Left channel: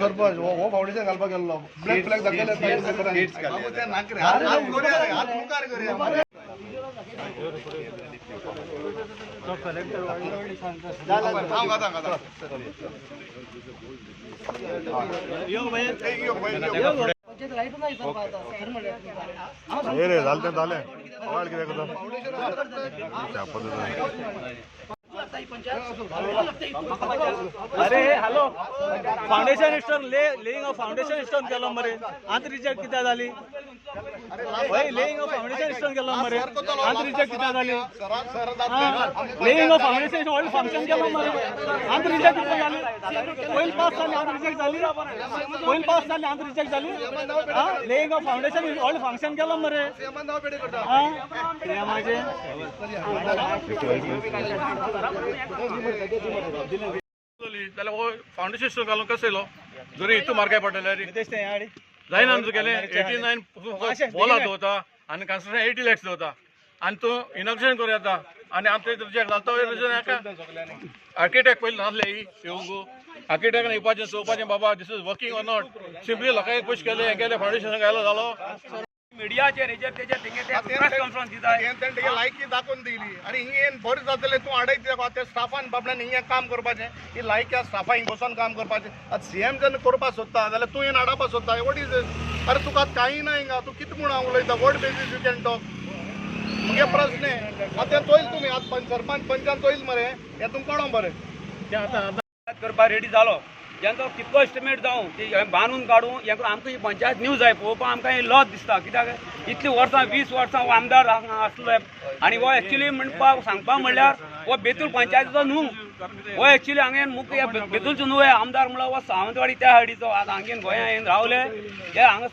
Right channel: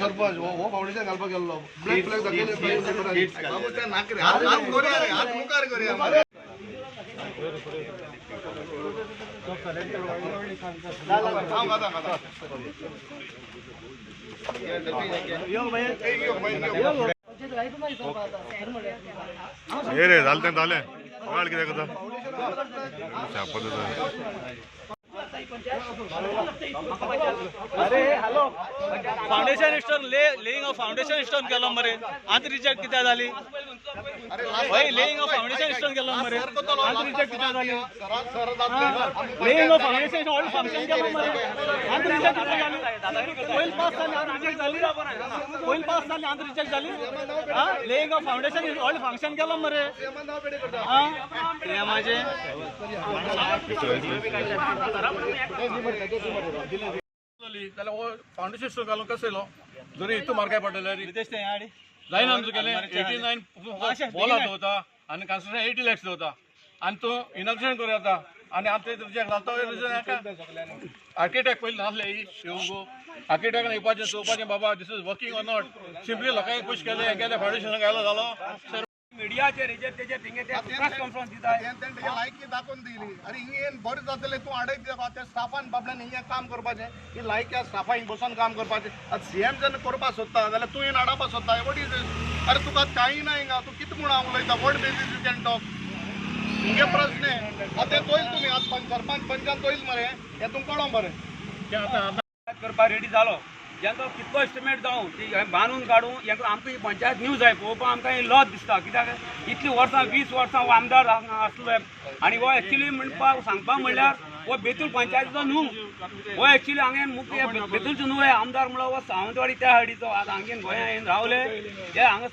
सरपंच हो फाउंडेशन घालपाक गेल्लो ब्लॅक फ्लॅग हे रे झालं झाले किती अरे hello foundation stone laying of foundation stone केलो मरे आंत रिजेक्ट कित्याक जाली होय लेइंग ऑफ फाउंडेशन स्टोन केलो मरे आंत रिजेक्ट कित्याक जाली laying of foundation all function केलो मरे आंत रिजेक्ट कित्याक जाली पॉइंट पास जाली आंत रिजेक्ट जाली पॉइंट पास जाली आंत रिजेक्ट जाली हां laying of foundation all function केलो मरे हां ते माझे फाउंडेशन स्टोन घालून कसं येलो जरी इतू मार्काय पडले जायना आमचं गेले 89 बॉल होता आणि कन्स्ट्रक्शन 80 lakhs होता आणि तो इनॉग्रेशन करूं येता आणि आमचे रिजेक्ट जाता आर्किटेक्ट पयलीं नासले शिवगो आर्किटेक्टान येवपाचें चोवपाचें बाबा this is working or not simply लोकांनी पुश केले गेले फाउंडेशन घायलो जालो मीडियाचे रिजेक्टेचे थिंगे ते प्रेस कॉन्फरन्स दिता लायकी दाखोवन दिली आणि हिंगे बरें जातलें तूं आडयता त्या स्टाफान बाबड्यान हिंगे काम करपाचें ही लायकी स्टाफा हिंग बसून काम करपाचें आतां सीएम जेन्ना करपाक सोदता जाल्यार तूं हाडपाक सोदता वॉट इज अरे तुका कांय ना हिंगा तूं कितें म्हूण हांव उलयता what basis you can talk मुगे प्रश्न आतां चोयल तुमी आतां सरपंच पंचान चोयल मरे हें तुमकां कळो मरे करपाक रेडी जालो जेन्ना कितलो एस्टिमेट जावं ती बांदून काडूं हें आमकां ही पंचायत न्यूज जाय पळोवपाक आमकां हें लॉस दिसता कित्याक इतलीं वर्सां 20 वर्सां हो आमदार आसलो आनी हो एक्चुली म्हणपाक सांगपाक म्हणल्यार हो बेतूल पंचायतीचो न्हू हो एक्चुली हांवें मुख्य बेतूलचो न्हू हे आमदार म्हणल्यार हो सावंतवाडी त्या हाडीचो आतां हांगेन गोंया येवन रावले हे हांगा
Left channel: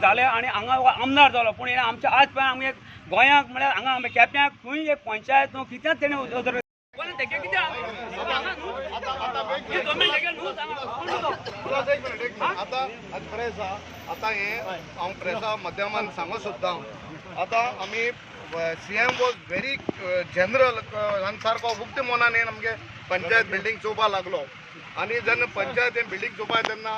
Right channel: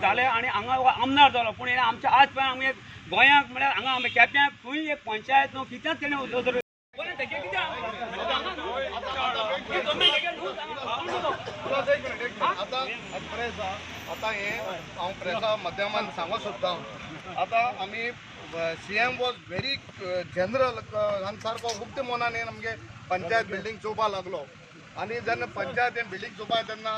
जाले आनी हांगा हो आमदार जालो पूण हे आमच्या आज पर्यंत आमगे गोंयाक म्हळ्यार हांगा आमच्या केप्याक खंय एक पंचायत न्हू कित्याक तेणें उदर आता हे हांव प्रेसा माध्यमान सांगूंक सोदतां आतां आमी सीएम वॉज व्हेरी जनरल सारको मुक्त मनान आमगे पंचायत बिल्डींग चोवपाक लागलो आनी जेन्ना पंचायत बिल्डींग चोवपाक तेन्ना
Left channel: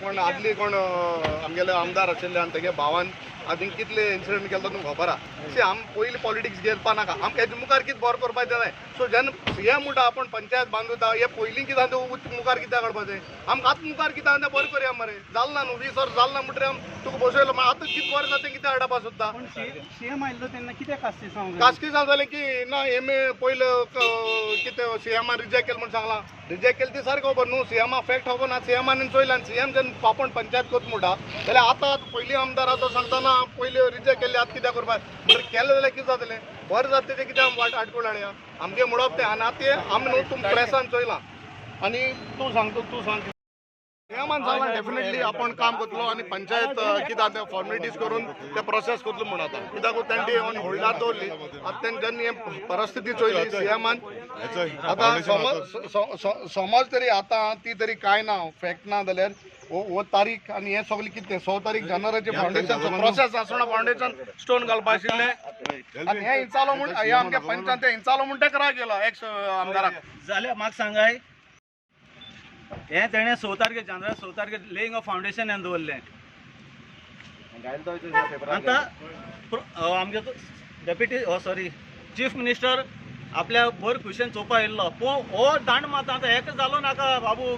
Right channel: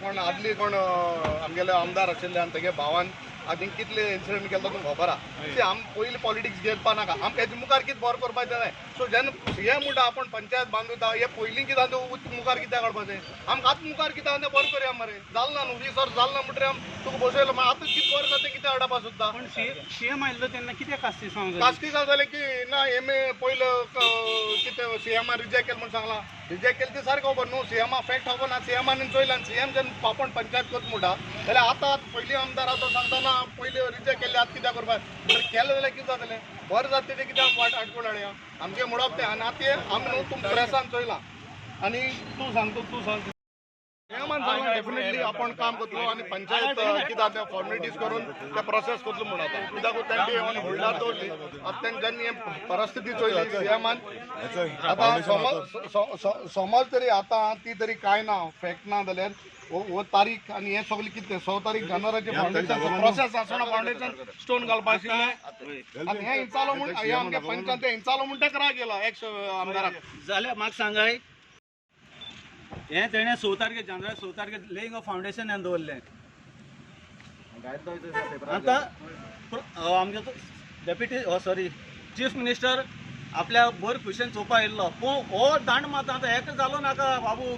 कोण आदली कोण आमगेले आमदार आशिल्ले आनी तेगे भावान आनी कितले इन्सिडंट केलो तुमकां खबर आहा सी आम पयलीं पॉलिटिक्स घेवपा नाका आमकां हेजे मुखार कितें बरें करपाक जाय सो जेन्ना सीएम म्हणटा आपूण पंचायत बांदूता हे पयलीं कितें आहा तें मुखार कित्याक काडपाचें आमकां आतां मुखार कितें आहा तें बरें करया मरे जालें ना न्हू 20 वर्स जालें ना म्हणटकीर तुका बसयलो मागीर आतां कितें बरें जाता तें कितें हाडपा सोदता सीएम आयिल्लो तेन्ना कित्याक कास्ती कास्टी जालें की ना एमए पयलें कितें सीएमान रिजेक्ट केलें म्हण सांगलां रिजेक्ट केलें ती सारकें खबर न्हू सीएमा फॅक्ट खबर ना सीएमान चोयलां सीएम जेन्ना आपूण पंचायत करता म्हणटा जाल्यार आतां पयलीं आमदार आतां सांगता ना पयलीं रिजेक्ट केल्ले आतां कित्याक करपाक म्हणल्यार केलें जाल्यार कितें जातलें बरें जाता तेजें कितें आमी आडकोळ हाडया आमचें म्हणप तें आनी आतां तें आमी न्हू तुमकां प्रेसान चोयलां आनी तूं सांग सीएमान सांगलां डेफिनेटली आपण काम करतलो आनी पंचायत कितें तें फॉर्मेलिटीज करून ते प्रोसेस करतलो म्हण आतां कित्याक तेंची ऑन होल्डार दवरली आतां तेंनी जेन्ना हें परिस्थिती चोयली सीएमान आतां समज तरी आतां ती तरी कांय ना फॅक्ट ना जाल्यार हो तारीख आनी हें सगळें कितें 6 तारीख जानेवारीचें फाउंडेशन प्रोसेस आसतना फाउंडेशन स्टोन घालपा आशिल्लें आनी हें इंचालो म्हूण हे आमगे पंचान तें इंचालो म्हूण तेका राग गेलो एक्स आमदाराक जाल्यार म्हाका सांगाय हें तेणें 6 तारखेर जानेवारी 6 तारखेर लेइंग ऑफ फाउंडेशन हें दवरलें आतां आमगे डेप्युटी सॉरी चीफ मिनिस्टर आपल्या बरे खुशेन चोवपा येयल्लो पूण हो दांड मात आतां हेका जालो नाका बाबू